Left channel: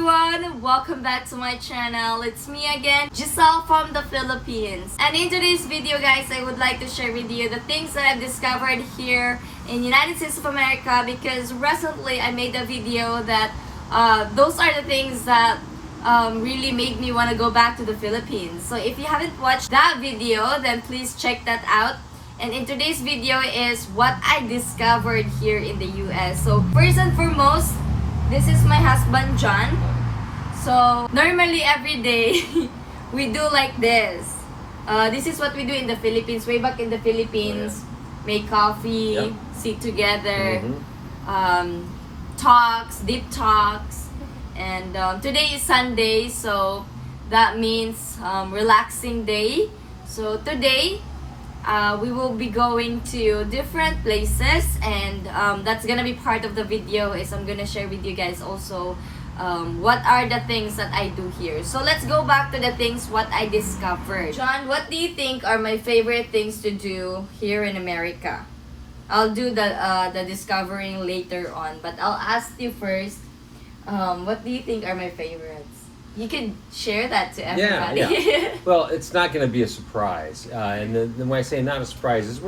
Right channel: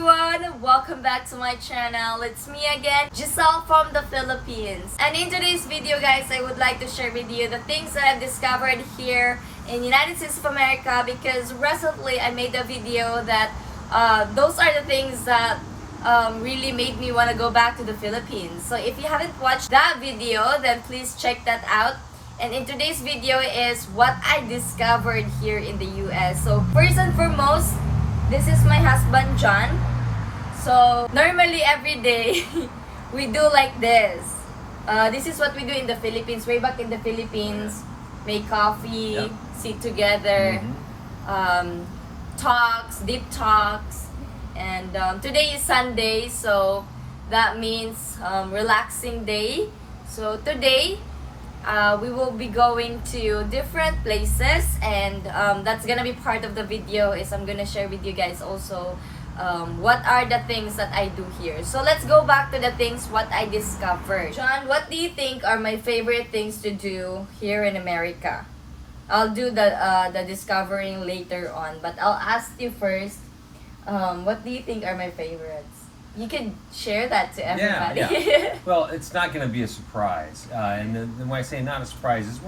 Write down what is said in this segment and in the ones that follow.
everyone! Welcome back to my channel. It's me again, Giselle from the Philippines. And in today's video guys, I would like to share with you the things that I've discovered here in United States of America, because recently I made a video that those are the things that really made me want to go back to the Philippines. So if you haven't watched that video, then please check that out. And in today's video is what I discovered here in the US. So first and foremost, this is my husband John. So normally every day we do like this. This is what we do in the Philippines. Way back in the Philippines, make coffee, sit together, talks, deep talks. And today is Sunday, so that means relaxing day. So today we will be going to different places, and that's gonna be part of the video. Is I'm gonna share with you guys also what are the things that I do here. So let's go back to the things what I discovered. John, what do you think are my favorite things to do here in America? I'll do the discovering later on, but I'll ask you first. What do you think are my favorites? You can share that to everybody. Yeah. Well, it's not going to be a surprise. And then when I say not a surprise, is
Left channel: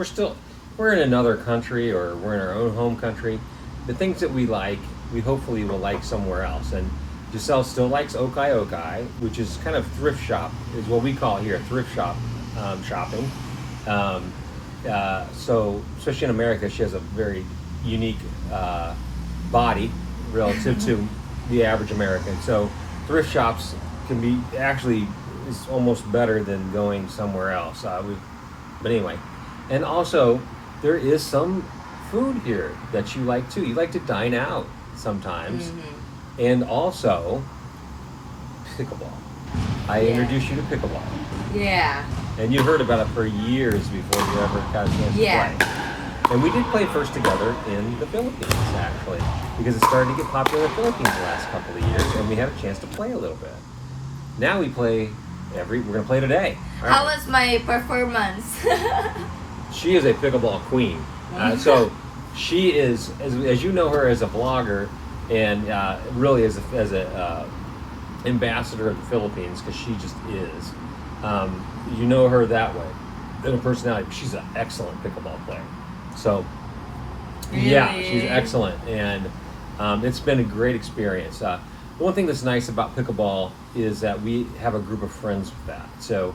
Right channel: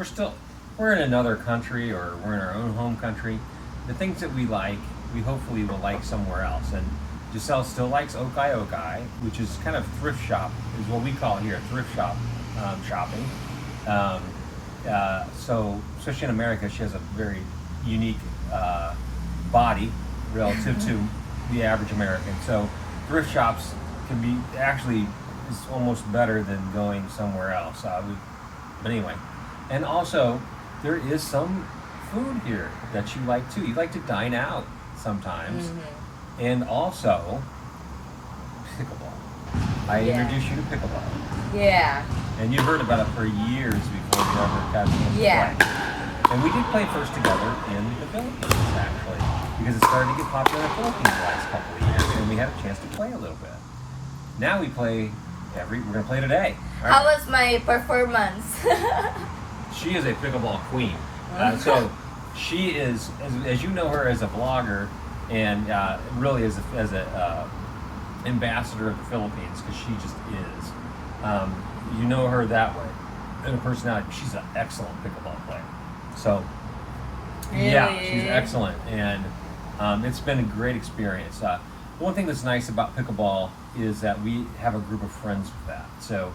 we're in another country, or we're in our own home country. The things that we like, we hopefully will like somewhere else. And Giselle still likes Okai, which is kind of thrift shop, is what we call here, thrift shop shopping. So, especially in America, she has a very unique body relative to the average American. So thrift shops can be actually is almost better than going somewhere else. But anyway, and also there is some food here that you like too. You like to dine out sometimes, and also pickleball. I introduced you to pickleball. Yeah. And you heard about it for years before you ever got a chance to play. And we did play first together in the Philippines, actually, because it started to get popular in the Philippines the last couple of years, and we had a chance to play a little bit. Now we play we're going to play today. Right. How was my performance? She is a pickleball queen. So she is, as you know her as a vlogger, and really as a ambassador of the Philippines, because she just is. You know her that way. In her personality, she's an excellent pickleball player. So, really? Yeah, she's excellent, and it's been a great experience. One thing that's nice about pickleball is that we have a group of friends with that. So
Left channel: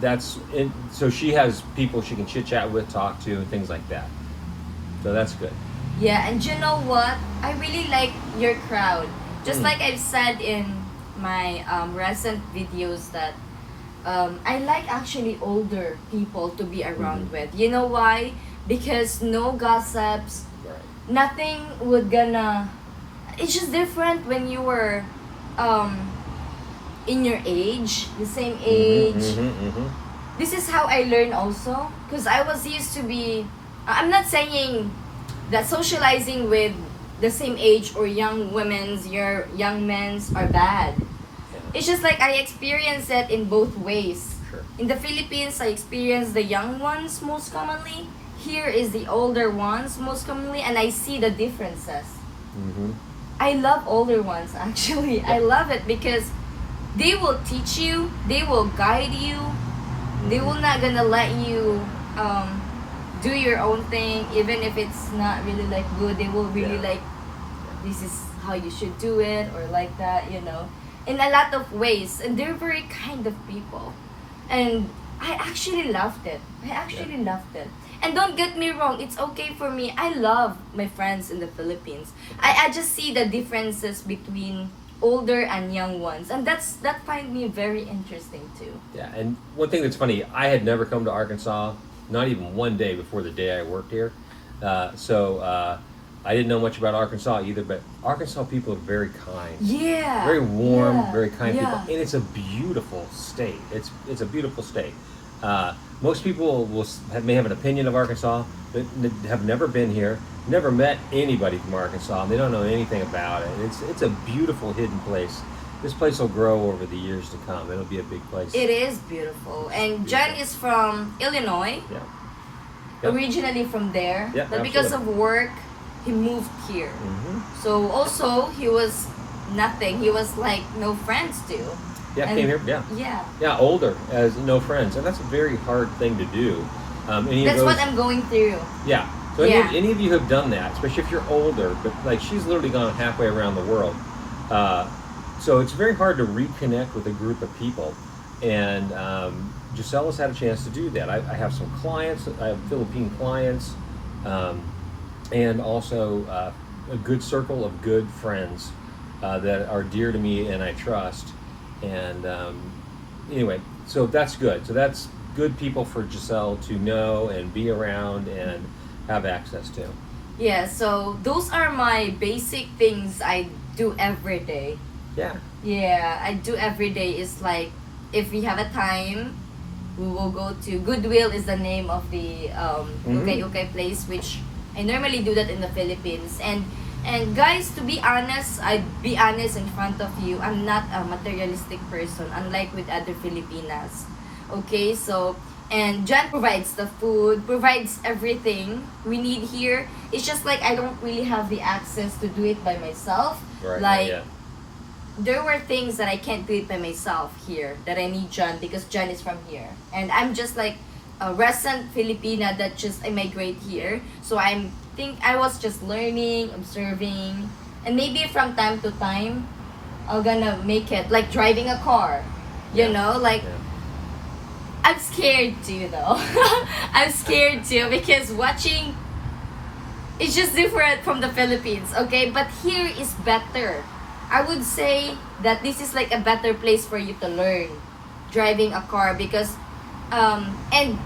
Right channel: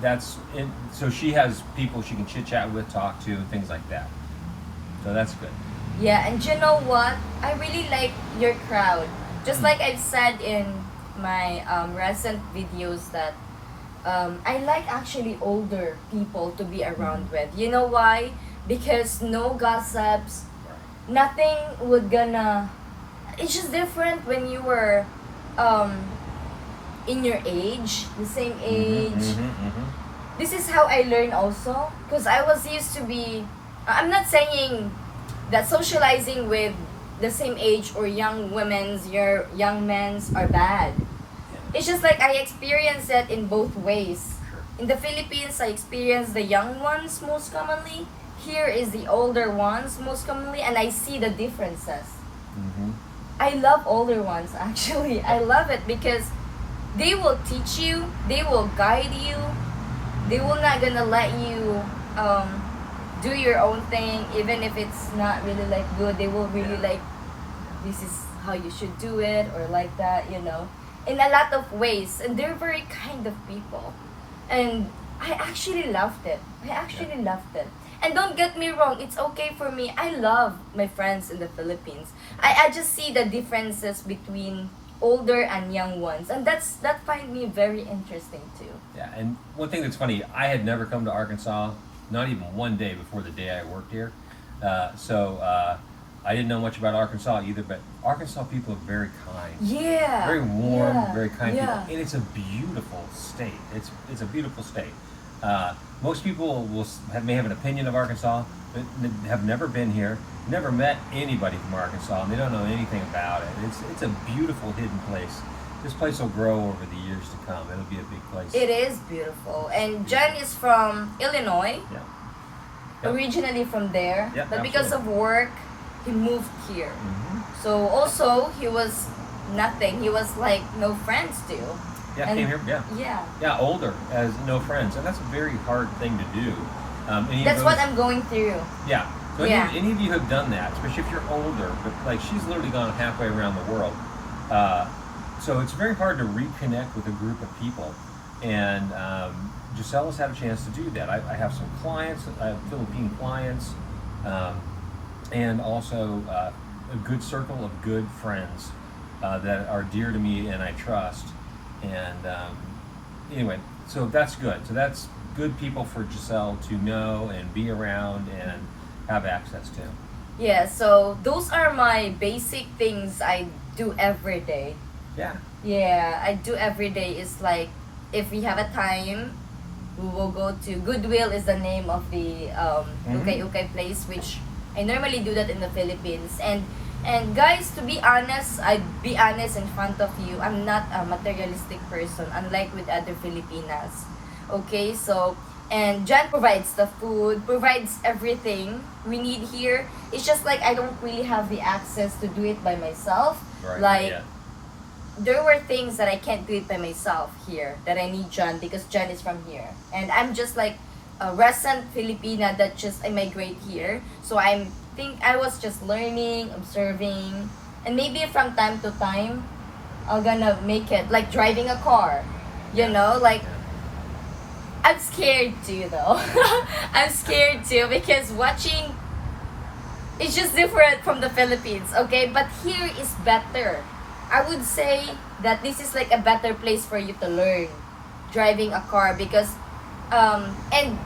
that's it. So she has people she can chit chat with, talk to, and things like that. So that's good. Yeah, and you know what? I really like your crowd. Just like I've said in my recent videos that I like actually older people to be around with. You know why? Because no gossips, nothing would gonna. It's just different when you were in your age, the same age. This is how I learned also, because I was used to be. I'm not saying that socializing with the same age or young young men's are bad. It's just like I experienced it in both ways. Sure. In the Philippines, I experienced the young ones most commonly. Here is the older ones most commonly, and I see the differences. I love older ones, actually. I love it because they will teach you, they will guide you, they will not gonna let you do your own thing, even if it's not really like good. They will really like, this is how you should do it, or like that, you know, in a lot of ways. And they're very kind of people, and I actually loved it. Loved it. And don't get me wrong, it's okay for me. I love my friends in the Philippines. I just see the differences between older and young ones, and that find me very interesting too. Yeah, and one thing that's funny, I had never come to Arkansas, not even one day before the day I worked here. So I didn't know much about Arkansas either, but Arkansas people are very kind. Yeah. Very warm, very kind people. And it's a beautiful state. It's a beautiful state. Most people may have an opinion of Arkansas, but have never been here, never met anybody from Arkansas, and they don't know anything about it. It's a beautiful hidden place. This place will grow over the years to come. It'll be a big place. It is beautiful. And Jen is from Illinois. Originally from there. But because of work, he moved here. So also he was nothing. He was like no friends too. Yeah, And- came here. Yeah, Yeah. yeah, older as no friends, and that's a very hard thing to do. Any of That's those, what I'm going through. Yeah. So Yeah. any of you have done that, especially if you're older, but like she's literally gone halfway around the world. So it's very hard to reconnect with a group of people. And Giselle has had a chance to do that. I have some clients, I have Philippine clients, and also a good circle of good friends that are dear to me and I trust. And anyway, so that's good. So that's good people for Giselle to know and be around and have access to. Yeah, so those are my basic things I do every day. Yeah. Yeah, I do every day is like if we have a time, we will go to Goodwill is the name of the ukay ukay place, which I normally do that in the Philippines. And guys, to be honest, I'd be honest in front of you, I'm not a materialistic person, unlike with other Filipinas. Okay, so and John provides the food, provides everything we need here. It's just like I don't really have the access to do it by myself. Right. Like Yeah. there were things that I can't do it by myself here that I need John because John is from here. And I'm just like a recent Filipina that just immigrate here. So I was just learning, observing, and maybe from time to time I'm gonna make it like driving a car. You know, like Yeah. I'm scared too though. I'm scared too because watching it's just different from the Philippines, okay? But here is better. I would say that this is like a better place for you to learn driving a car because and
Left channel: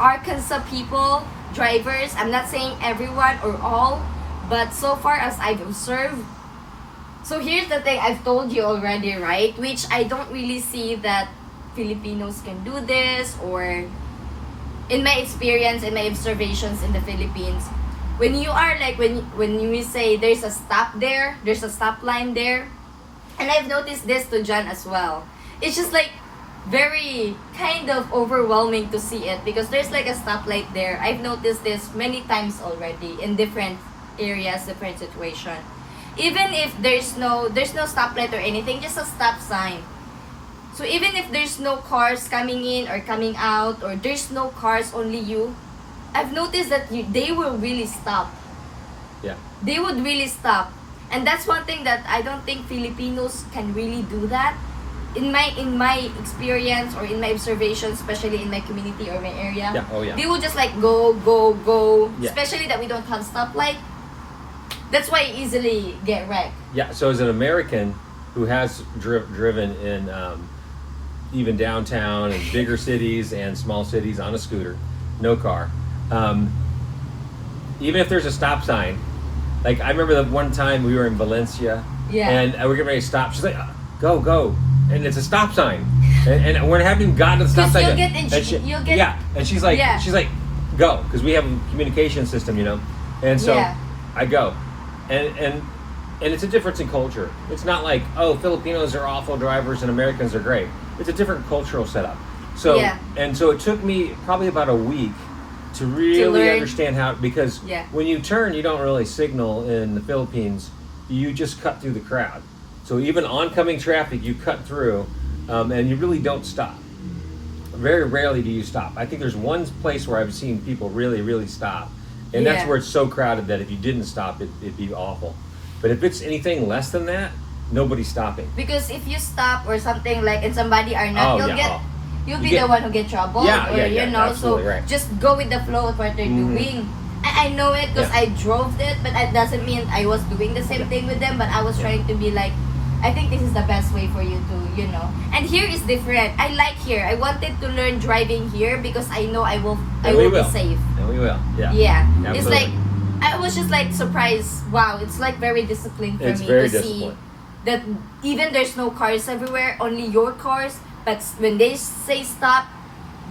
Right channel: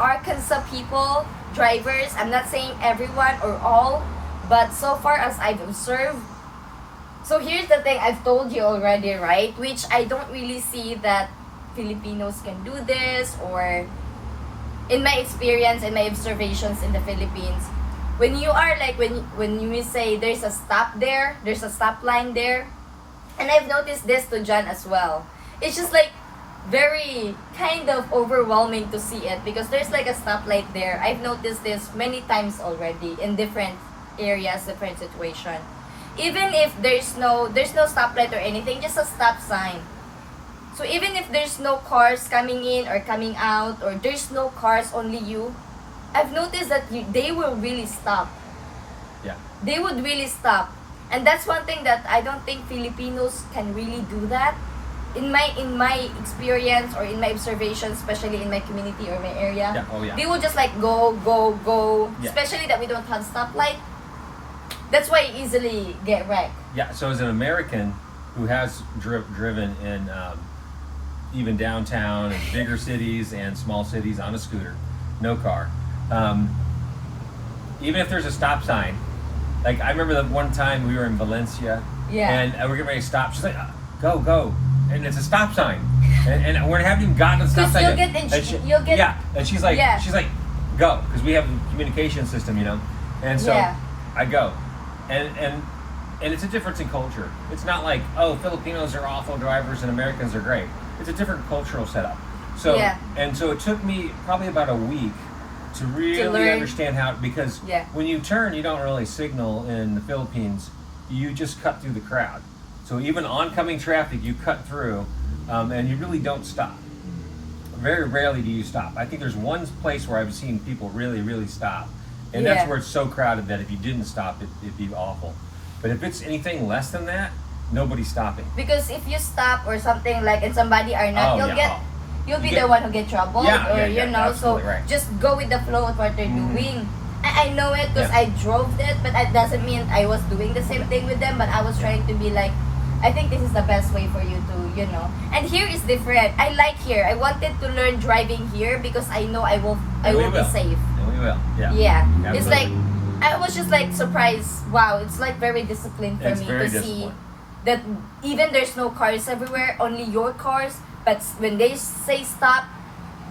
Arkansas people, drivers, I'm not saying everyone or all, but so far as I've observed. So here's the thing I've told you already, right? Which I don't really see that Filipinos can do this, or in my experience and my observations in the Philippines, when you are like when you say there's a stop there, there's a stop line there, and I've noticed this to John as well. It's just like very kind of overwhelming to see it because there's like a stoplight there. I've noticed this many times already in different areas, different situation. Even if there's no stoplight or anything, just a stop sign. So even if there's no cars coming in or coming out, or there's no cars, only you, I've noticed that they will really stop. Yeah. They would really stop. And that's one thing that I don't think Filipinos can really do that. In my experience or in my observation, especially in my community or my area, Yeah. Oh yeah. they will just like go. Yeah. Especially that we don't have stoplight. That's why you easily get wrecked. Yeah. So as an American who has driven in even downtown and bigger cities and small cities on a scooter, no car. Even if there's a stop sign, like I remember the one time we were in Valencia, Yeah. and we're getting ready to stop. She's like, go," and it's a stop sign, and we haven't even gotten to the stop 'Cause sign. you'll get you'll get yeah, and she's like, Yeah. go, because we have a communication system, and so Yeah. I go, and it's a difference in culture. It's not like, oh, Filipinos are awful drivers and Americans are great. It's a different cultural setup. So Yeah. and so it took me probably about a week to really learn. understand how, because Yeah. when you turn, you don't really signal in the Philippines. You just cut through the crowd. So even oncoming traffic, you cut through, and you really don't stop. Very rarely do you stop. I think there's one place where I've seen people really, really stop, and Yeah. that's where it's so crowded that if you didn't stop, it'd be awful. But if it's anything less than that, nobody's stopping. because if you stop or something like and somebody are not, Oh, you'll yeah. get you'll You be get- the one who get trouble, Yeah, or yeah, you know. So absolutely right. just go with the flow of what they're Mhm. doing. I know it because Yeah. I drove it, but that doesn't mean I was doing the same thing with them. But I was Yeah. trying to be like, I think this is the best way for you to, And here is different. I like here. I wanted to learn driving here because I know I will And we be will. safe. And we will. Yeah. Yeah, it's Absolutely. like I was just like surprised. Wow, it's like very disciplined for It's me very to see disciplined. that even there's no cars everywhere, only your cars. But when they say stop,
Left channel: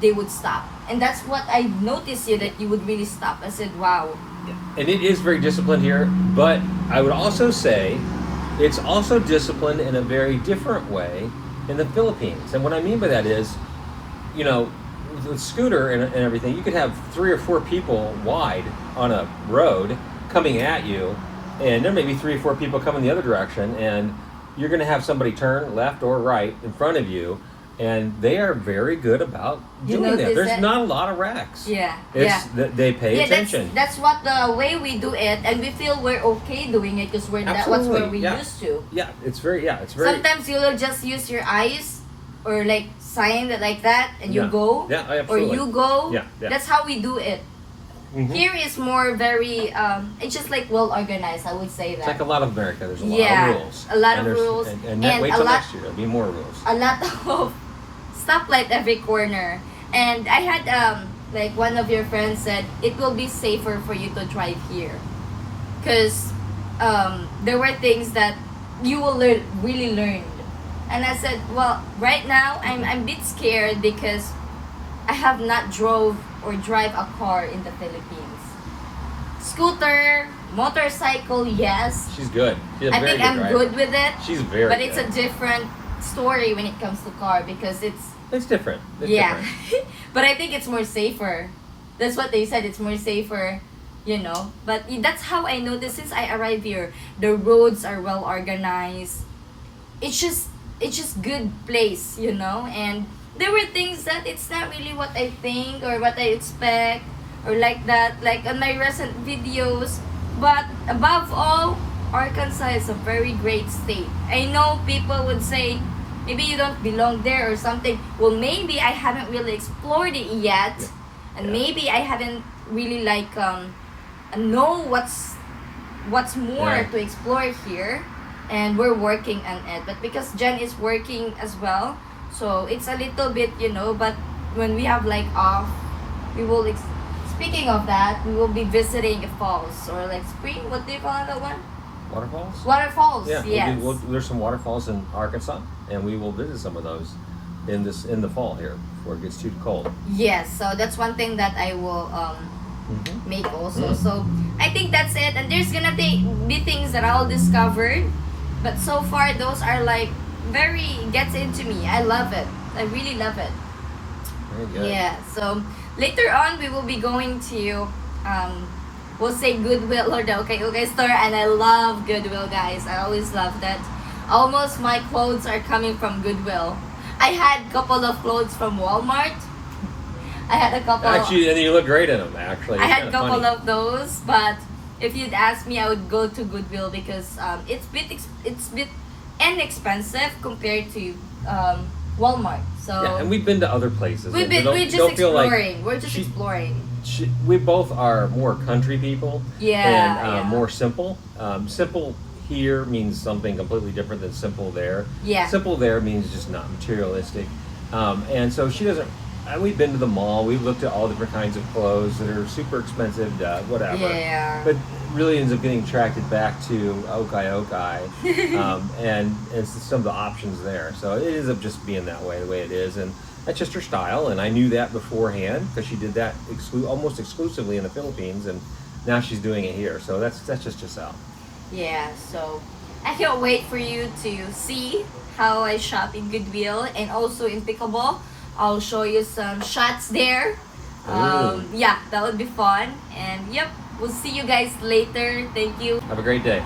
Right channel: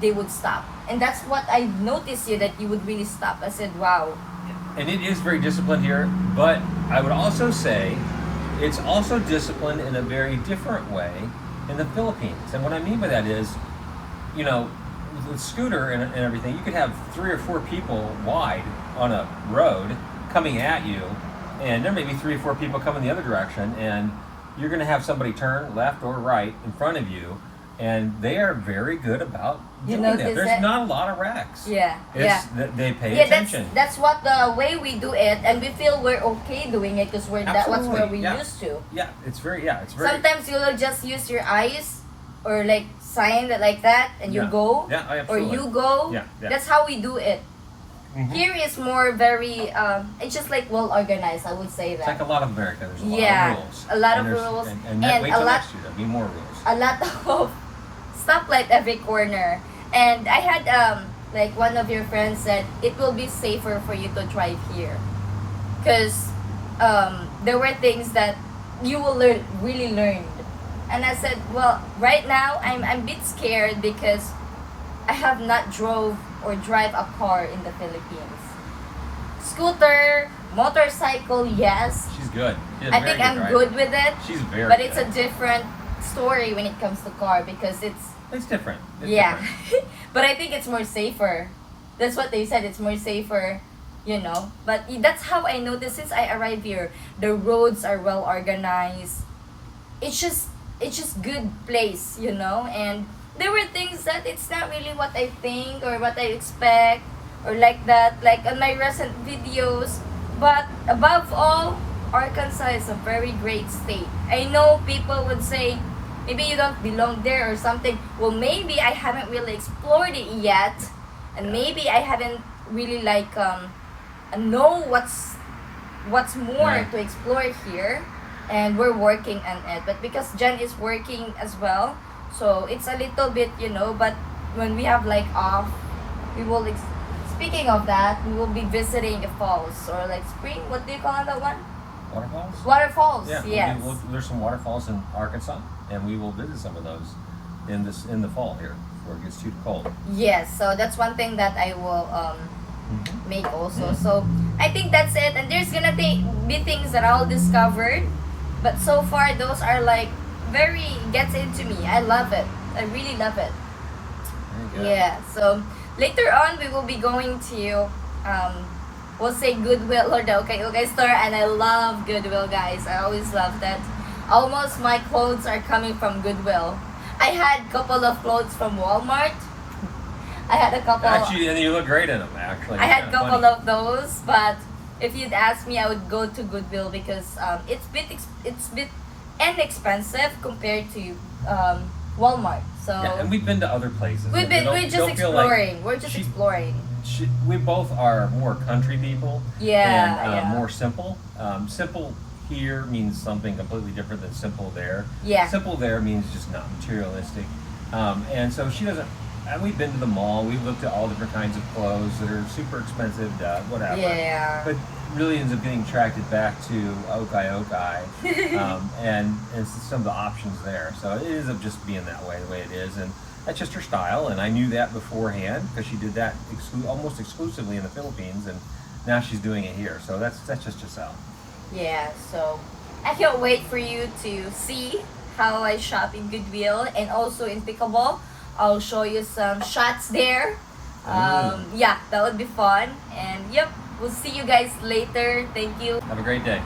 they would stop, and that's what I noticed here, that you would really stop. I said, wow. And it is very disciplined here, but I would also say it's also disciplined in a very different way in the Philippines. And what I mean by that is, with a scooter and everything, you could have 3 or 4 people wide on a road coming at you, and there may be 3 or 4 people coming the other direction, and you're going to have somebody turn left or right in front of you, and they are very good about You doing that. notice There's it? not a lot of wrecks. Yeah, It's, yeah. They pay Yeah, attention. that's what the way we do it, and we feel we're okay doing it because that's what Absolutely, we yeah. used to. It's very. Sometimes you'll just use your eyes or like sign that like that, and you Yeah. go, Yeah, or absolutely. you go. Yeah, yeah. That's how we do it. Mhm. Here is more very. It's just like well organized. I would say that. It's like a lot of America. There's a lot Yeah, of rules. a lot And of there's- rules, And and wait a till lot- next year. There'll be more rules. A lot of stoplight every corner. And I had like one of your friends said it will be safer for you to drive here, because there were things that you will really learn. And I said, well, right now I'm a bit scared because I have not drove or drive a car in the Philippines. Scooter, motorcycle, yes. She's good. She's a I very think I'm driver. good with it. She's very. But it's a good. different story when it comes to car because it's It's different. It's yeah. different. But I think it's more safer. That's what they said. It's more safer, you know. But that's how I noticed since I arrived here. The roads are well organized. It's just good place, you know. And there were things that it's not really what I think or what I expect or like that, like on my recent videos. But above all, Arkansas is a very great state. I know people would say maybe you don't belong there or something. Well, maybe I haven't really explored it yet, and Yeah. maybe I haven't really like know what's more Yeah. to explore here, and we're working on it. But because Jen is working as well, so it's a little bit, you know. But when we have like off, we will. Speaking of that, we will be visiting the falls or like spring. What do you call that one? Waterfalls. Waterfalls. Yeah. Yes. There's some waterfalls in Arkansas, and we will visit some of those in the fall here before it gets too cold. Yes, so that's one thing that I will Mhm. make also. Mhm. So I think that's it. And there's gonna be things that I'll discovered, but so far those are like very gets into me. I love it. I really love it. Very good. Yeah. So later on we will be going to we'll say Goodwill or the Okay store, and I love Goodwill, guys. I always love that. Almost my clothes are coming from Goodwill. I had a couple of clothes from Walmart. I had a couple. Actually, and you look great in them. Actually, I It's had a kinda couple funny. of those, but if you'd ask me, I would go to Goodwill because it's bit inexpensive compared to Walmart. So Yeah, and we've been to other places. we're just Don't feel like exploring. We're just she- exploring. we both are more country people. Yeah, And yeah. more simple. Simple here means something completely different than simple there. Yeah. Simple there means just not materialistic. And so she doesn't. We've been to the mall. We've looked at all different kinds of clothes that are super expensive, whatever. Yeah. But really ends up getting attracted back to Okai, and some of the options there. So it ends up just being that way, the way it is, and that's just her style. And I knew that beforehand because she did that almost exclusively in the Philippines, and now she's doing it here. So that's just Giselle. Yeah, so I can't wait for you to see how I shop in Goodwill and also in Pickleball. I'll show you some shots there. Yeah, that would be fun. And yep, we'll see you guys later. Thank you. Have a great day.